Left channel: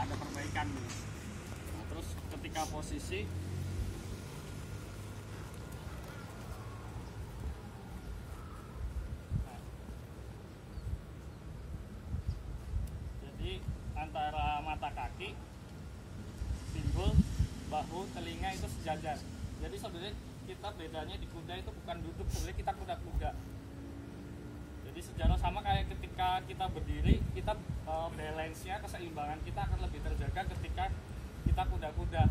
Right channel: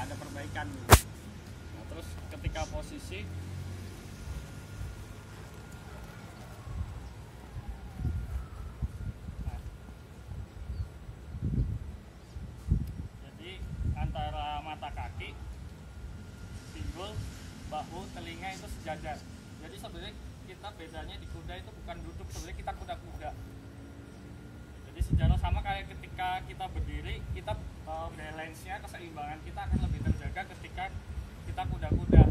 nggak ada perbaikan gitu. Nah, terus ketika posisi jadi antara mata kaki, pinggul, bahu, telinga itu sejajar. Jadi sebenarnya kita bedanya di kuda itu bukan duduk, sebenarnya kita kuda-kuda. Jadi sejarah sama kayak ketika kita berdiri, kita balance-nya, keseimbangan kita akan lebih terjaga ketika kita kuda-kuda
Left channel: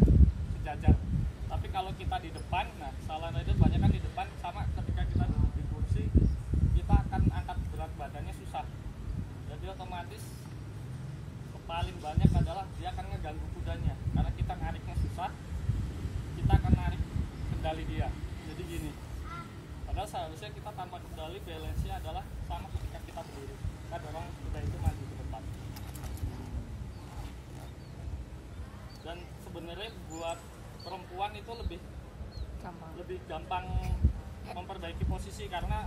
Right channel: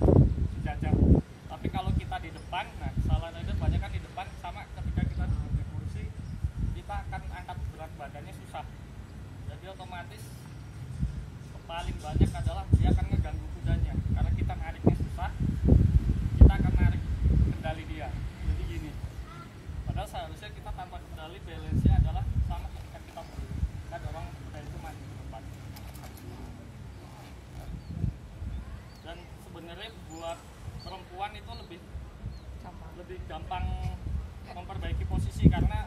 sejajar. Tapi kalau kita di depan, nah salah rider banyak kan di depan, sama ketika kita duduk di kursi, kita akan angkat berat badannya susah. Jadi otomatis paling banyak adalah dia akan ngeganggu kudanya, karena kita nariknya susah, kita akan narik kendali dia. Jadi gini, padahal seharusnya kita tanpa kendali balance-nya adalah sama ketika kita berdiri, kita dorong kuda itu maju ke depan. Dan sebenarnya buat perempuan itu lebih gampang memperbaiki posisi, karena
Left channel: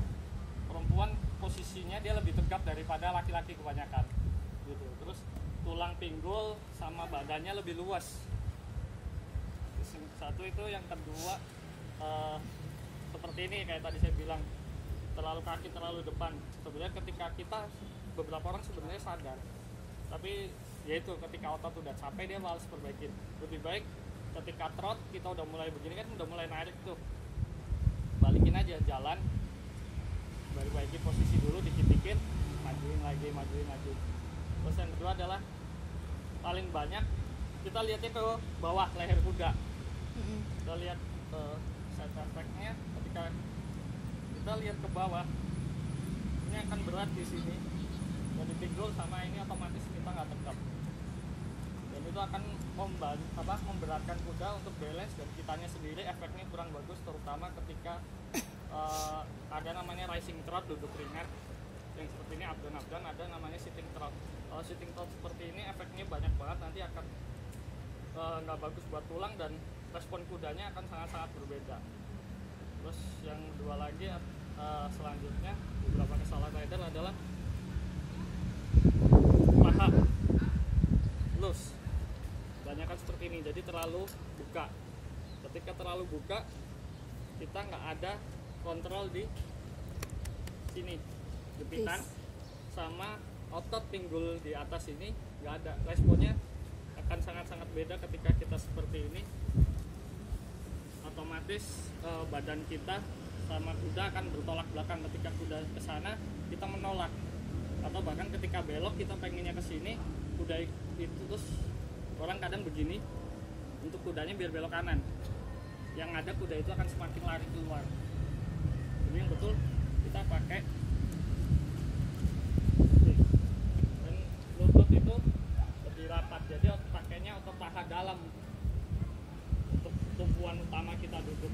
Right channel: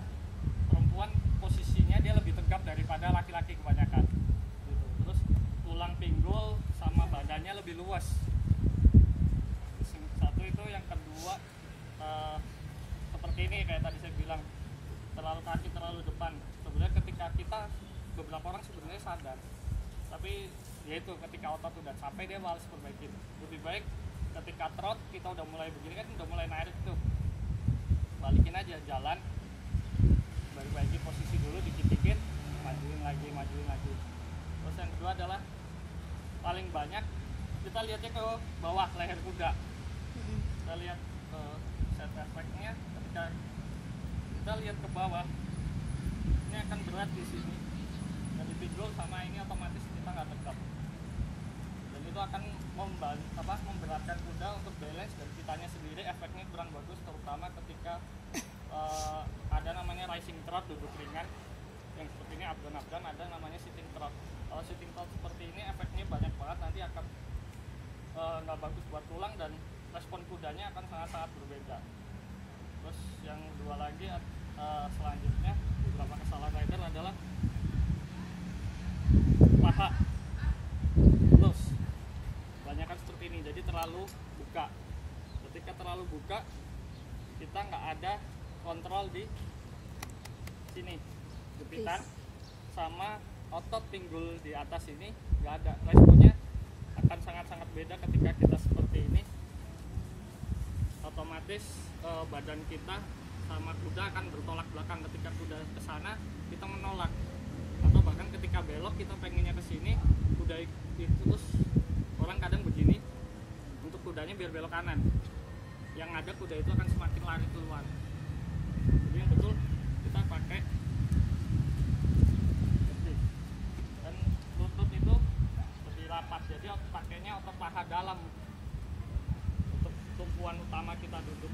perempuan posisinya dia lebih tegap daripada laki-laki kebanyakan gitu. Terus tulang pinggul sama badannya lebih luas. Satu itu, yang kedua seperti ini kayak tadi saya bilang, terlalu kaki terlalu depan. Sebenarnya ketika kita, beberapa orang sebenarnya sadar, tapi yaitu ketika otot udah capek dia malas perbaikin. Lebih baik ketika trot kita udah mulai begini kan, udah mulai narik tuh, balikin aja jalan, perbaiki posisi dulu dikit-dikit, majuin lagi. Terus yang kedua adalah paling banyak kita lihatnya ke bawah leher kuda. Kita lihat set efeknya ketika kita lihat ke bawah, ini akan berat di sini dan di pinggul, sama ini otomatis kita nggak tegap, dan itu akan memberatkan kuda untuk balance, dan kitanya sendiri efeknya kurang bagus, terutama ketika ada namanya rising trot, duduk ringan yang seperti ini, up down, ada namanya sitting trot. Kalau sitting trot seperti ini efeknya banyak banget, nanti akan nggak bagus buat tulang dan respon kudanya akan sangat-sangat berbeda. Terus yang kedua lagi selanjutnya, beberapa kesalahan rider adalah paha loose, kebanyakan seperti ini, jadi terlalu buka. Ketika terlalu buka, kita nggak ada kontrol di sini, jepitan sama otot pinggul di atas ini nggak ada. Responnya akan sangat-sangat beda ketika kita seperti ini. Otomatis badan kita sama kuda akan bertolak belakang. Ketika kuda ke sana, kita menolak, atau bahkan ketika belok kita pengennya ke sini, kuda itu terus orang kadang begini untuk kudanya biar belok kanan. Yang ada kuda itu akan semakin lari keluar. Jadi yang betul kita pakai dan lutut itu lebih rapat, jadi pakainya otot paha dalam untuk tumpuan utama kita duduk.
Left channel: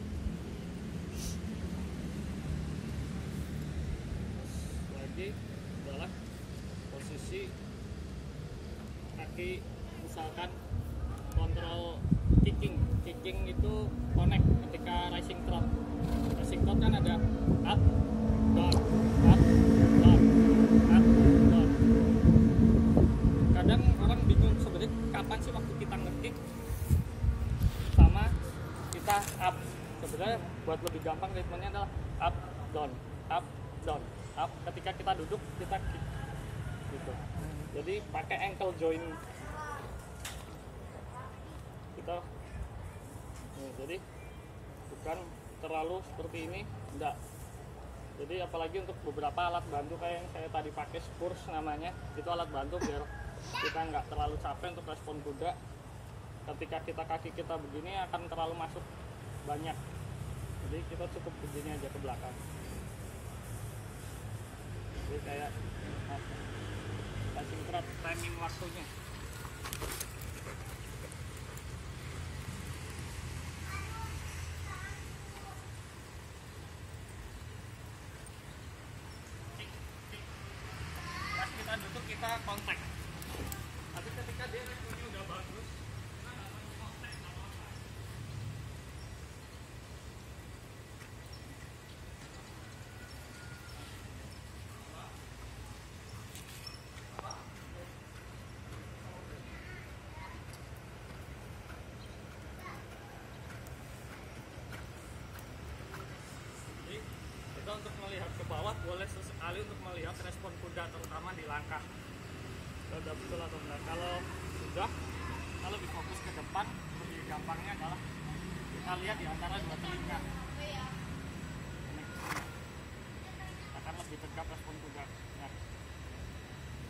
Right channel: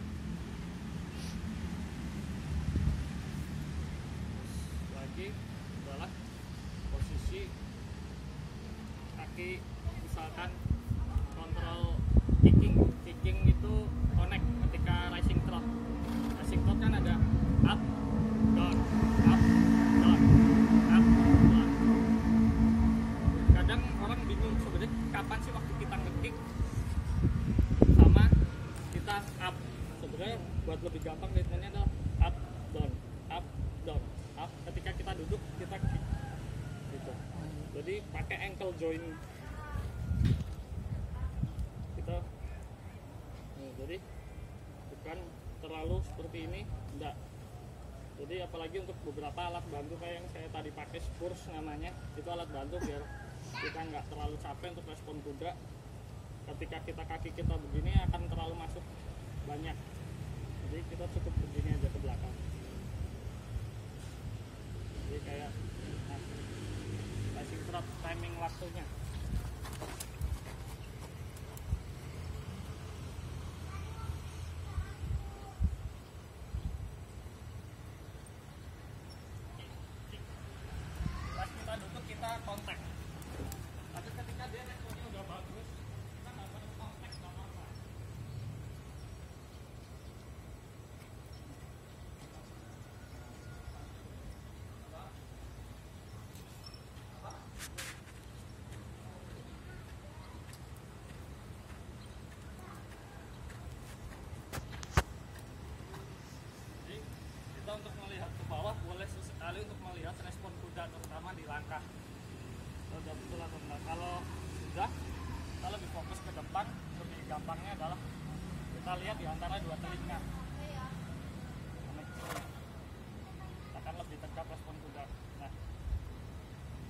Terus lagi adalah posisi kaki, misalkan kontrol kicking itu connect ketika rising trot kan ada up down, up down, up down. Kadang orang bingung sebenarnya kapan sih waktu kita nge-kick sama kita up. Sebenarnya buat lebih gampang ritmenya adalah up down, up down, up. Ketika kita duduk kita kick gitu. Jadi pakai ankle joint kita. Jadi bukan terlalu seperti ini, enggak. Jadi apalagi untuk beberapa alat bantu kayak yang saya tadi pakai, Spurs namanya, itu alat bantu biar kita nggak terlalu capek untuk respon kuda. Ketika kaki kita begini akan terlalu masuk banyak, jadi kita cukup begini aja ke belakang. Jadi kayak rising trot, timing waktunya. Pas kita duduk kita kontak, tapi ketika dia responnya udah bagus, kita nggak harus kontak apa-apa. boleh sesekali untuk melihat respon kuda terutama di langkah sudah betul atau enggak. Kalau sudah, kita lebih fokus ke depan. Lebih gampangnya adalah kita lihat di antara dua telinga, akan lebih tegap respon kuda. Nah,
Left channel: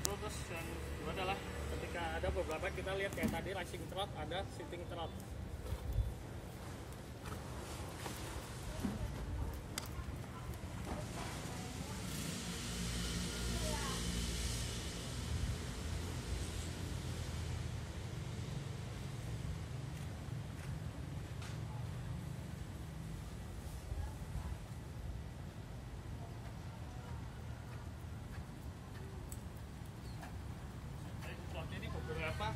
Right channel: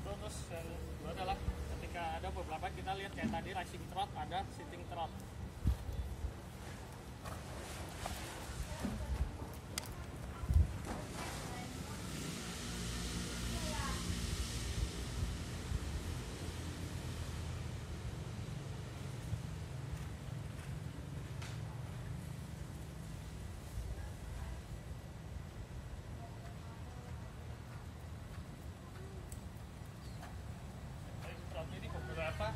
terus yang kedua adalah ketika ada beberapa kita lihat kayak tadi racing trot, ada sitting trot. Ini beberapa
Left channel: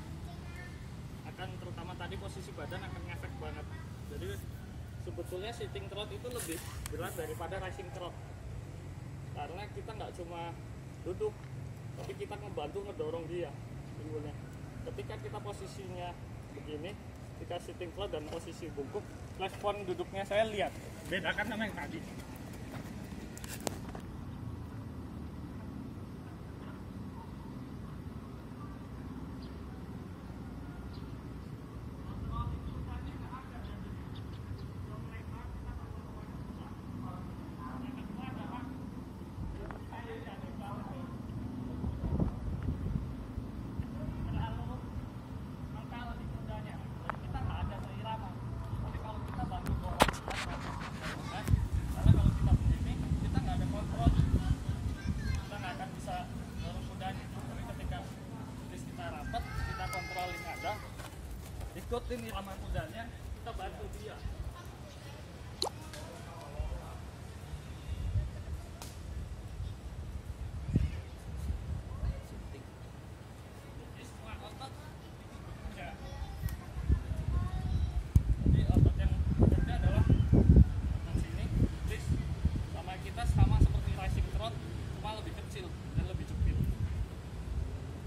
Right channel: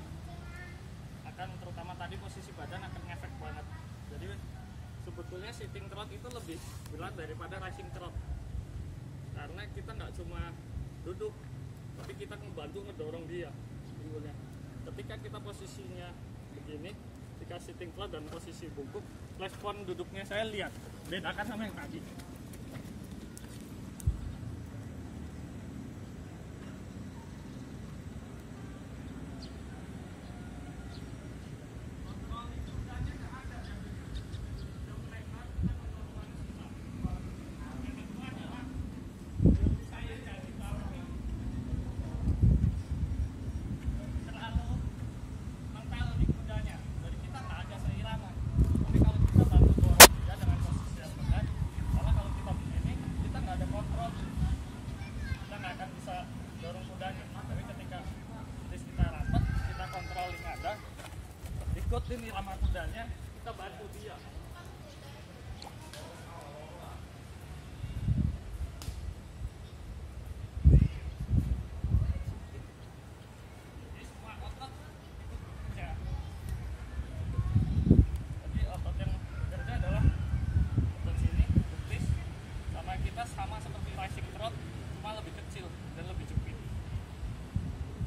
akan terutama tadi posisi badan akan ngefek banget. Jadi sebetulnya sitting trot itu lebih berat daripada racing trot karena kita nggak cuma duduk, tapi kita membantu ngedorong dia pinggulnya. Ketika kita posisinya begini, ketika sitting trot dan posisi bungkuk, respon duduknya saya lihat bedakan sama yang tadi. Ikutin irama kudanya, kita bantu dia. Jadi semua otot ikut bekerja. Jadi otot yang bekerja adalah otot sini, betis, sama kita sama seperti racing trot, cuma lebih kecil dan lebih jepit.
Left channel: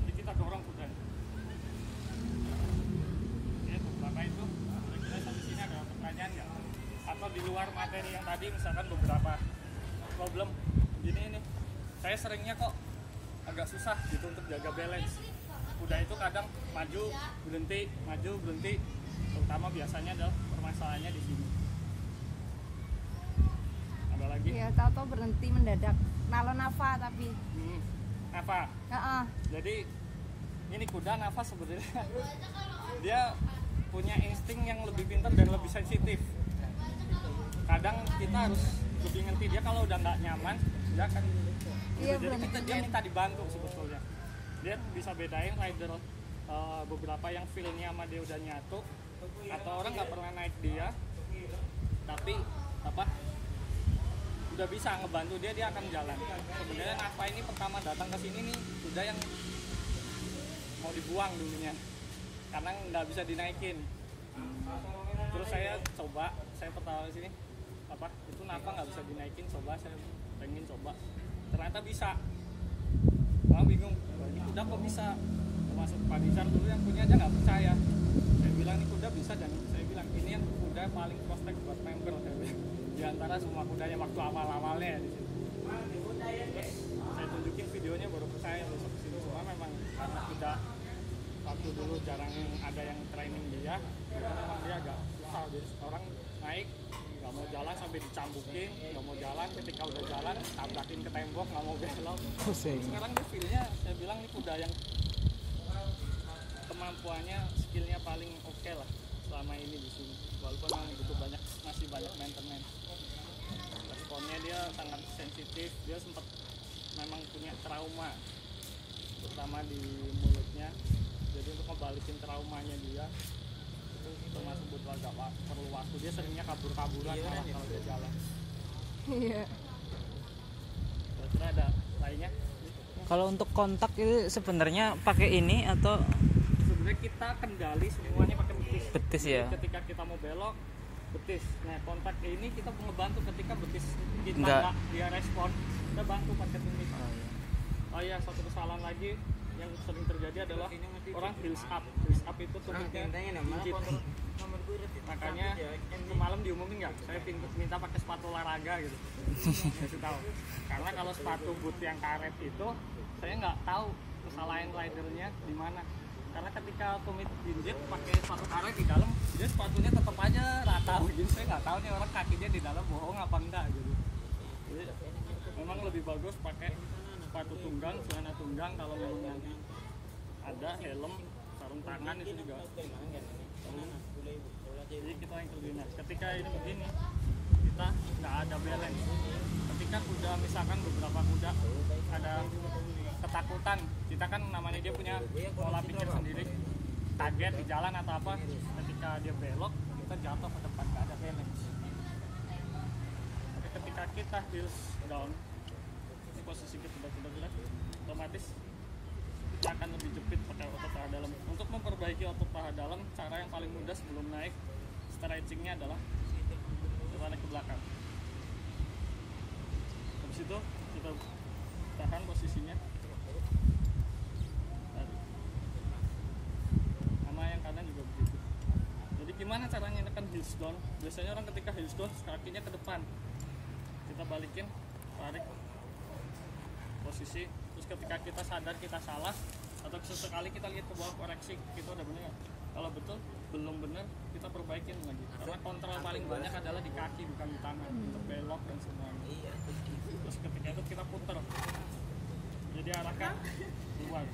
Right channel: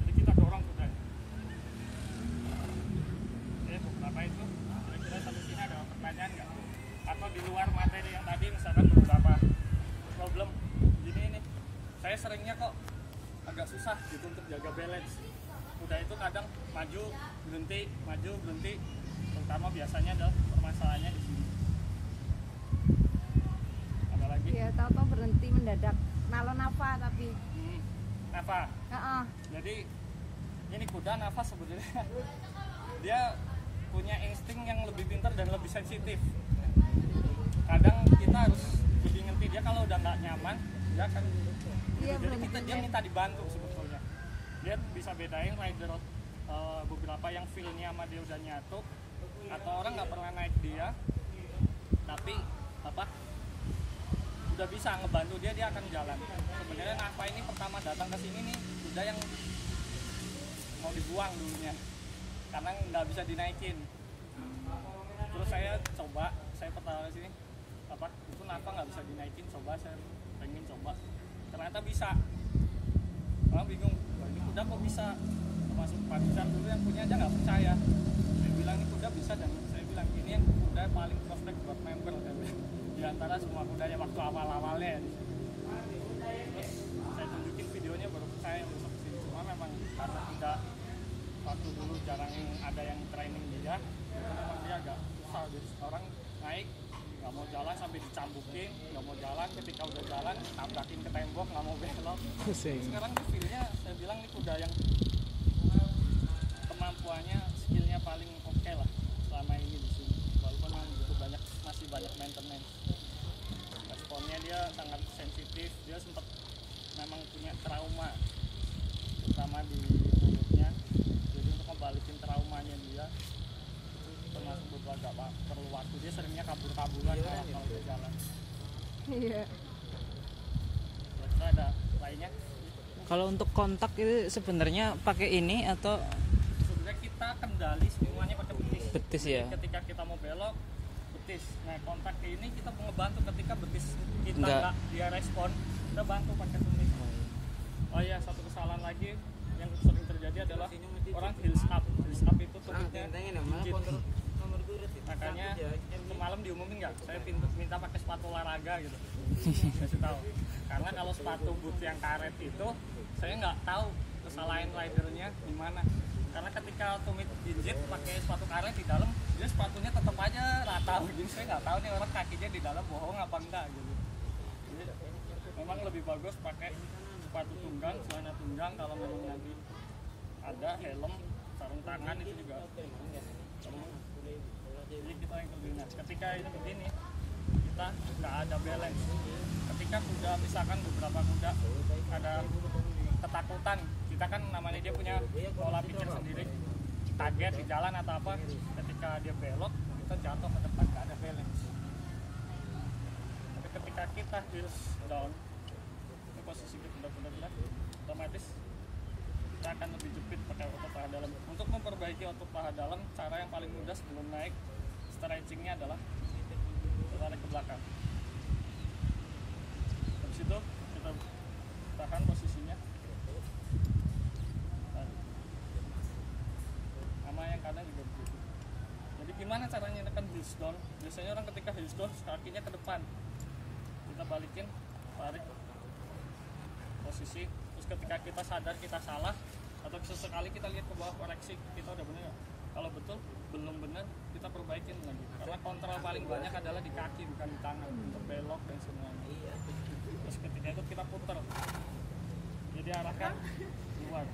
Jadi kita dorong kudanya. Beberapa itu, kira-kira sampai sini ada pertanyaan nggak? Atau di luar materi yang tadi, misalkan beberapa problem gini ini, saya seringnya kok agak susah gitu untuk jaga balance. Kuda itu kadang maju berhenti, terutama biasanya adalah permasalahannya di sini. Ada lagi? Iya, tahu-tahu berhenti mendadak. Nalo nafa tapi. Nafa. Jadi ini kuda nafa sebenarnya dia punya insting yang lebih pintar dan lebih sensitif. Kadang kita harus lebih ngerti dia kalau udah nggak nyaman, dia akan gitu. Iya, Jadi dia minta dibantu sebetulnya. Dia bisa bedain rider beberapa yang feel-nya sama dia udah nyatu, atau orang nggak pernah naik dia, tapi udah bisa ngebantu dia akan jalan. Sebenarnya Nafa ini pertama datang ke sini nih kuda yang mau dibuang dulunya karena nggak bisa dinaikin. Terus saya pertama sini itu Nafa nggak bisa dinaikin, saya pengen coba, ternyata bisa. Orang bingung, wah ini kuda kok bisa, termasuk Pak Rizal dulu yang punya aja nggak percaya. Saya bilang ini kuda bisa, dan saya bilang ini yang kuda paling prospek buat member, saya bilang, di antara semua kudanya waktu awal-awalnya di sini. Terus saya tunjukin videonya baru percaya besok sini. Cuma memang karena kuda waktu dulu jarang ada yang training dia, itu memang dia agak susah. Jadi orang naik nggak mau jalan sampai dicambukin, nggak mau jalan, ketika udah jalan tabrakin ke tembok, nggak mau belok. Sekarang dia feel-nya, saya bilang ini kuda yang kemampuannya, skillnya paling oke lah selama ini di sini. Walaupun memang butuh masih banyak maintenance. Responnya dia sangat sensitif, dia sempat memang punya trauma, terutama di mulutnya. Jadi untuk ngebalikin traumanya dia itu termasuk butuh agak perlu waktu. Dia seringnya kabur-kaburan malah kalau dia jalan. Iya. Kira-kira ada lainnya? Kalau untuk kontak itu sebenarnya pakai ini atau sebenarnya kita kendali semuanya pakai betis. Betis ya. Jadi ketika kita mau belok betis. Nah kontak ini kita ngebantu ketika betis kita Enggak. nggak dia respon, kita bantu pakai tumit. Oh iya. Satu kesalahan lagi yang sering terjadi adalah orang heels up itu tumitnya dikit. Makanya semalam diumumin nggak saya minta pakai sepatu olahraga gitu. Kasih tahu karena kalau sepatu boot yang karet itu saya nggak tahu kesalahan ridernya di mana, karena ketika tumit jinjit pakai sepatu karet di dalam dia sepatunya tetap aja rata begini. Saya nggak tahu nih orang kakinya di dalam bohong apa enggak gitu. Jadi memang lebih bagus pakai sepatu tunggang, celana tunggang. Kalau memang nanti ada helm, sarung tangan itu juga perlu. Jadi kita yang terlihat ketika ini begini kita nggak ada balance. Ketika kuda misalkan beberapa kuda ada ketakutan, kita kan namanya dia punya pola pikir sendiri, kaget di jalan atau apa, ketika dia belok kita jatuh ke depan, nggak ada balance. Tapi ketika kita heels down, ini posisi kuda-kuda otomatis kita akan lebih jepit pakai otot paha dalam. Untuk memperbaiki otot paha dalam, cara yang paling mudah sebelum naik stretchingnya adalah tarik ke belakang. Habis itu kita tahan posisinya, tarik. Sama yang kanan juga begitu. Jadi gimana caranya menekan heels down? Biasanya orang ketika heels down kakinya ke depan, kita balikin, tarik posisi. Terus ketika kita sadar kita salah atau sesekali kita lihat ke bawah, koreksi kita udah bener gak? Kalau betul belum bener, kita perbaikin lagi. Karena kontrol paling banyak adalah di kaki bukan di tangan untuk belok dan semuanya. Terus ketika itu kita putar, jadi arahkan keluar.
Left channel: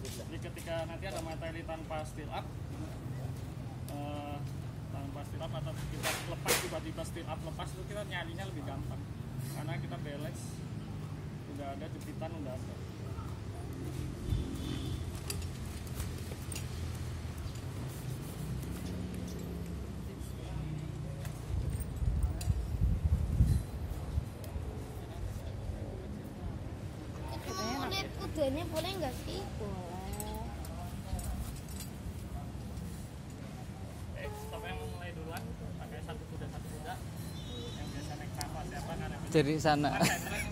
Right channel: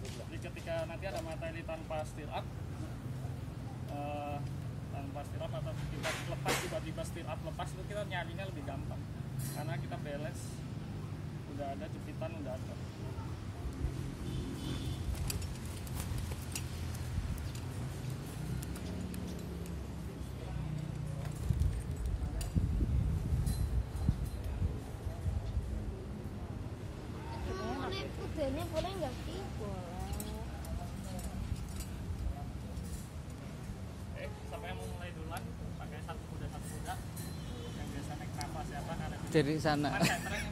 Jadi ketika nanti ada materi tanpa steer up, atau kita lepas tiba-tiba steer up lepas, itu kita nyarinya lebih gampang karena kita balance udah ada, jepitan udah ada. Kudanya boleh nggak sih? Siapa yang mau mulai duluan? Pakai satu kuda yang biasa naik nafas siapa? Karena Dari sana. Kan